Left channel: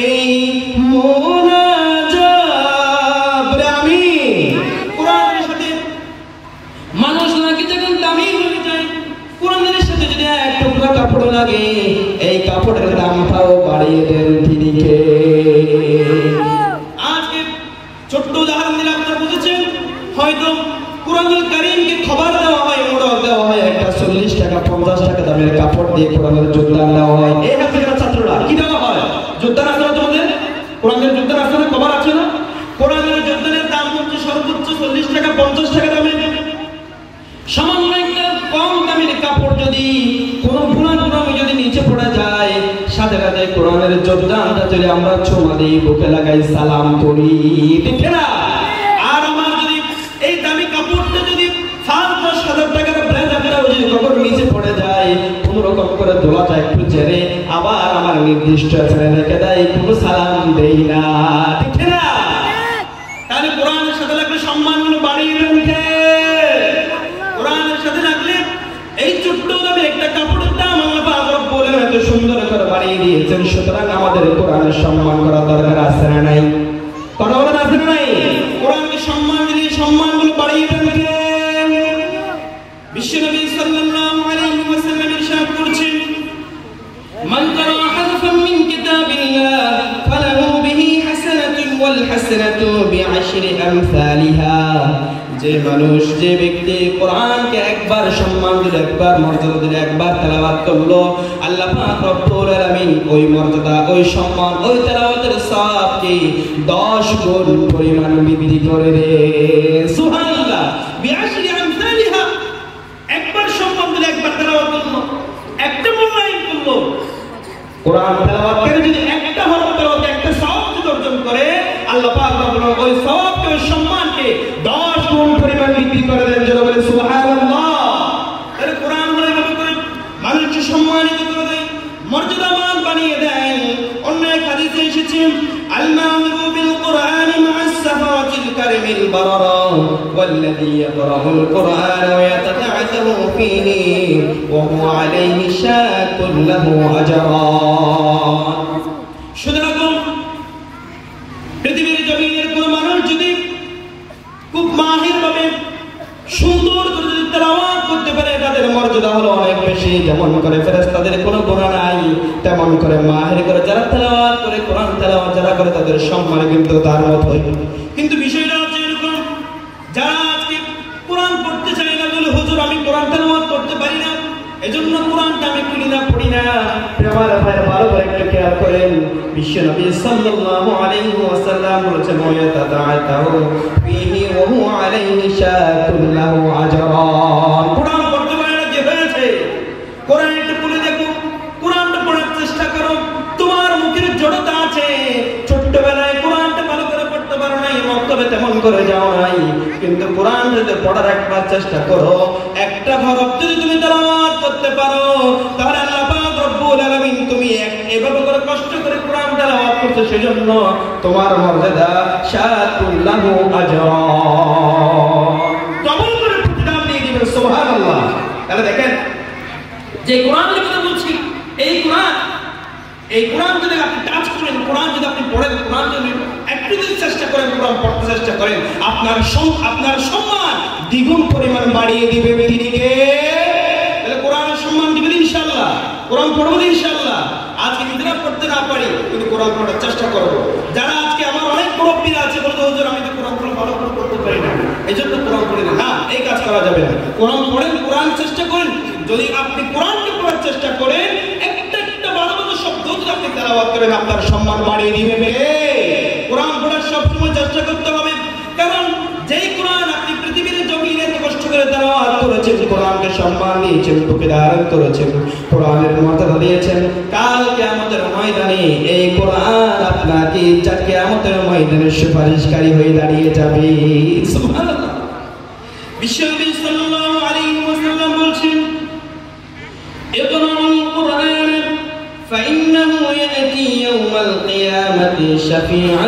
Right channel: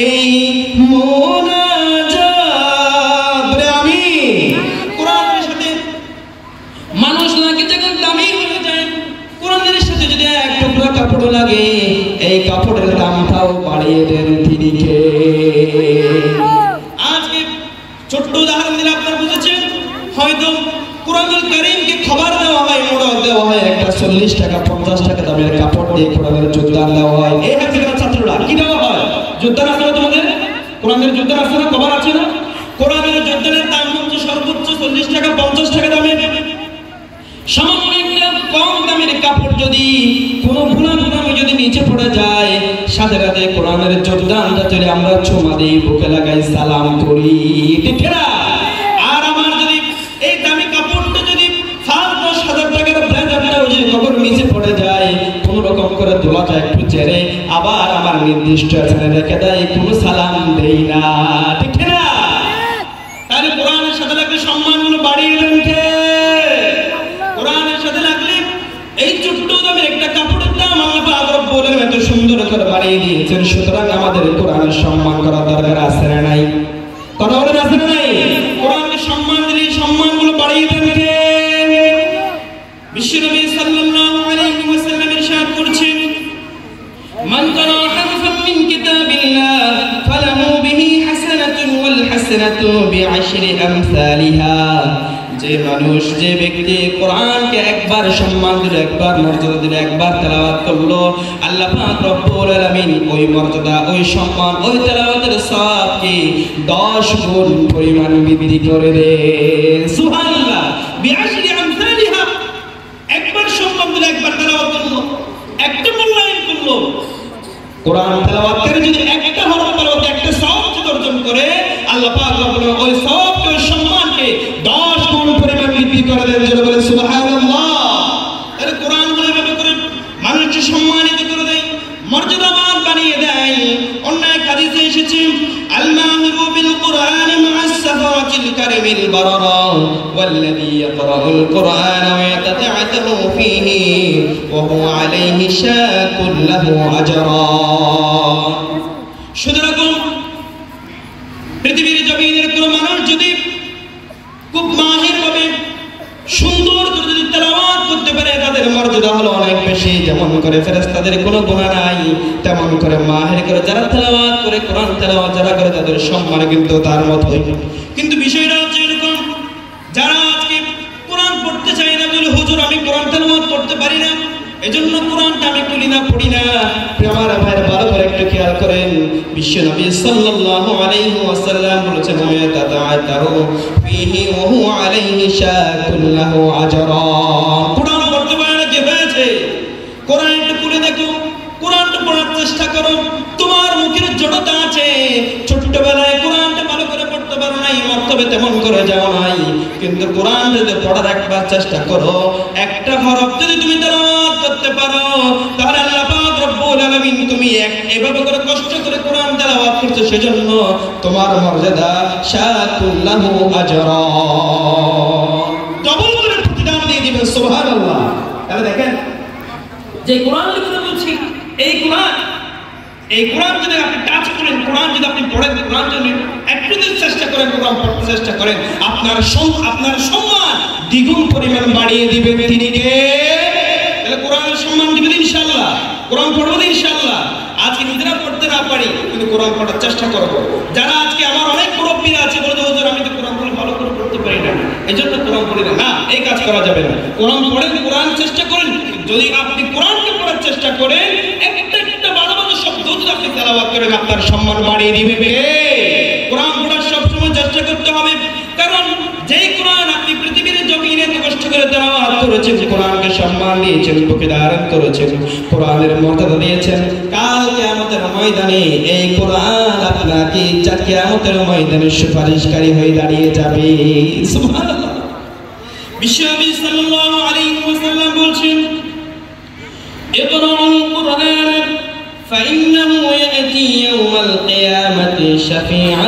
এই মুনাজাত বলে আমি কোরআনের সাথে মানুষ নাকি যখন দামি হয়ে যায়, কোরআনের সাথে যদি এক টুকরা কাপড় লাগে, এই কাপড়ের দামটাও বাড়িয়ে দেন তিনি কে? আজকে ছোট্ট উদাহরণ দিলে আপনারা বুঝেছেন। হয়তো কোরআনুল কারীমকে খবর দেওয়া হয়, মোড়ক দেওয়া হয়, একটা 40 টাকা 50 টাকা দামের কাপড় দিয়ে কোরআনের যোগদান দেওয়া হয়। এই হাফেজের ছাত্ররা কি দেওয়া হয়? যোগদান আছে না তোমাদের? কোরআনের যোগদান আছে না? খবর আছে না? কোরআনের যোগদানের দাম হচ্ছে সর্বোচ্চ 40 টাকা 50 টাকা দামের। সামান্য একটা কম দামের কাপড় যদি কোনো ভুলাক্রমে যদি নিচে পড়ে যায়, সাথে সাথে কোরআনের যোগদানটা যদি আমরা চুমা দিই, বুকে লাগাই, সালাম করি, ঠিক না? আর আমার যদি এই দামি কাপড়টা যদি 5-10 হাজার টাকার ব্লেজারটাও যদি কখন নিচে পড়ে যায়, কোন রকম করে দোলাটা একটু জেরে আবার আমার নির্দিষ্ট ছেড়ে রেখে দেয়, কোনো সালাম দেই না, ঠিক না? তাহলে কোরআনের সাথে লাগলে সম্মানগুলো বাড়িয়ে দেন কে? কোরআনের সাথে লাগলে এই ছোট্ট দামের একটা কাপড়ের দাম আল্লাহ পাক রব্বুল আলামিন এত সুন্দর করে বাড়িয়ে দিয়েছেন। সুতরাং আমাদের কোরআনের সম্মান করা দরকার আছে না নাই? কথা বলেন, আছে না নাই? কোরআনকে সম্মান দিলে সম্মানগুলো বাড়িয়ে দেন কে? বিশ্বনবী সাল্লাল্লাহু আলাইহি ওয়াসাল্লাম ইরশাদ করছেন, মান কারা হারফান মিন কিতাবিল্লাহ ফালাহু বিহি হাসানাতুন ওয়াল হাসানাতু বিআশরি আমসালিহা। যে মানুষ, যে ব্যক্তি কোরআনকে একবার সম্মান দিল, একবার মর্যাদা দিল, একবার তেলাওয়াত করলো, আল্লাহ পাক রব্বুল আলামিন ওই মর্যাদা, ওই সম্মান, ওই তেলাওয়াতের সওয়াবকে 10 গুণ পরিমাণ বৃদ্ধি করে দেয়। সুবহানাল্লাহ। বিআশরি আমসালিহা, একবার সম্মান দিল, একবার তেলাওয়াত করলো, একটা মূল্যায়ন করলো। কোরআন তেলাওয়াতকারী যদি একটা হরফ তেলাওয়াতে একটা সওয়াব যদি অর্জন করে, আল্লাহ পাক রব্বুল আলামিন ওই সওয়াবকে, ওই সম্মানকে 10 গুণ পরিমাণ বৃদ্ধি করে দেন। যারা বলেন সুবহানাল্লাহ। তাহলে কোরআন হলো এভাবে করে মানুষকে সম্মানিত করে দেয়, মর্যাদাবান বানিয়ে দেয়। অন্য এক হাদিসে এসেছে, আল-মাহিরু বিল কুরআনি মা'আস সাফাওয়াতিল কারিমিল বারারা ওয়াল্লাযী ইয়াকরাউল কুরআনা ওয়া ইয়াতাতা'তাহু ফীহি ওয়া হুয়া আলাইহি শাকুল লাহু আজরান। সুতরাং পৃথিবীর জমিনের কোন মানুষ যদি খুব মাহির ভাবে সুন্দর করে যদি তেলাওয়াত করতে পারে, তাদের মর্যাদা হলো অনেক বেশি। যেমন করে ফেরেশতাদের কোনো গুনাহ নাই, তেমন করে মাহির করে যারা তেলাওয়াত করে, কোরআন তেলাওয়াত যারা করে, তাদের সম্মান কিন্তু তার মতোই। কিন্তু বিষয়টা হচ্ছে এরকম, যারা আজকে কোরআন পড়তে চায় না, বলে হুজুর আমি কোরআন তেলাওয়াত করতে পারি না, এজন্য কোরআনটা আমি খুলি না, পড়ি না। আমার ভাই ভালো করে একটু খেয়াল করেন, বিশ্বনবী সাল্লাল্লাহু আলাইহি ওয়াসাল্লাম বলেছেন, ওয়াতাতাআতাহু ফীহি ওয়া হুয়া আলাইহি শাকুল লাহু আজরান। কোরআন পড়তে পারে না, কি হয়েছে? কোরআন একটু খুলে দেখো, কোরআনটা পড়ার চেষ্টা করো। তোমার মুখের জড়তা আছে, ছোট্টবেলায় কোরআনটা ভালো করে পড়তে পারো নাই, মক্তবে তেমন করে যাও নাই, কিন্তু কোরআন যদি পড়ার একবার চেষ্টা করো, একটা হরফ যদি তুমি তেলাওয়াত করতে পারো, তাহলে আল্লাহ পাক রব্বুল আলামিন তুমি এভাবে করে কষ্ট করে কোরআন তেলাওয়াত করছো, সেজন্য তোমার মর্যাদা শাকুল লাহু আজরান, ডবল করে প্রতিদান দিয়ে দিবেন। সুবহানাল্লাহ। তাহলে দেখেন, যে কোরআনের কথা বলছি, এই কোরআন যদি আপনি টাচ করেন, কোরআন যদি আপনি পড়েন, কোরআন যদি একটু যদি চেষ্টা করেন, কোরআন পড়তে চেষ্টা করেন, আপনার সম্মান দ্বিগুণ পরিমাণ বাড়িয়ে দিবেন তিনি কে? তাহলে কোরআনের সম্মান দিবেন ইনশাআল্লাহ, কোরআন পড়বেন ইনশাআল্লাহ। আজকে নিজেরা পড়তে না পারি, কিন্তু কোরআন পড়ার চেষ্টা করব। যারা আজকে আমার অনেক মুরব্বিরা আছে, বলে হুজুর আমি তো কোরআনগুলো ভালো করে পড়তে পারি না, এজন্য কোরআন পড়ি না। না, এই কাজ করা যাবে না। কোরআন পড়েন, কোরআন চেষ্টা করেন। যদি আপনি কোরআনকে পড়ার চেষ্টা করেন, একটা ভালো ভালো শব্দ যদি আপনি তেলাওয়াত করেন, আপনার সম্মান বাড়িয়ে দিবে। কোরআন পড়ার সবসময় চেষ্টা করতে হবে, কারণ যেই কোরআন আপনি পৃথিবীর জমিনে এত কষ্ট করে তেলাওয়াত করেছেন, কোরআনকে সম্মান দিয়েছেন, বুকে ধারণ করেছেন, কোরআনের মর্যাদা দিয়েছেন, কাল কিয়ামতের ময়দানে এই কোরআন আপনাকে কিয়ামতের ময়দানে সুপারিশকারী হয়ে দাঁড়িয়ে যাবে। সুবহানাল্লাহ। বিশ্বনবী সাল্লাল্লাহু আলাইহি ওয়াসাল্লাম বলেছেন, ইকরাউল কুরআন ফাইন্নাহু ইয়াতি ইয়াওমাল কিয়ামাতি শাফিআ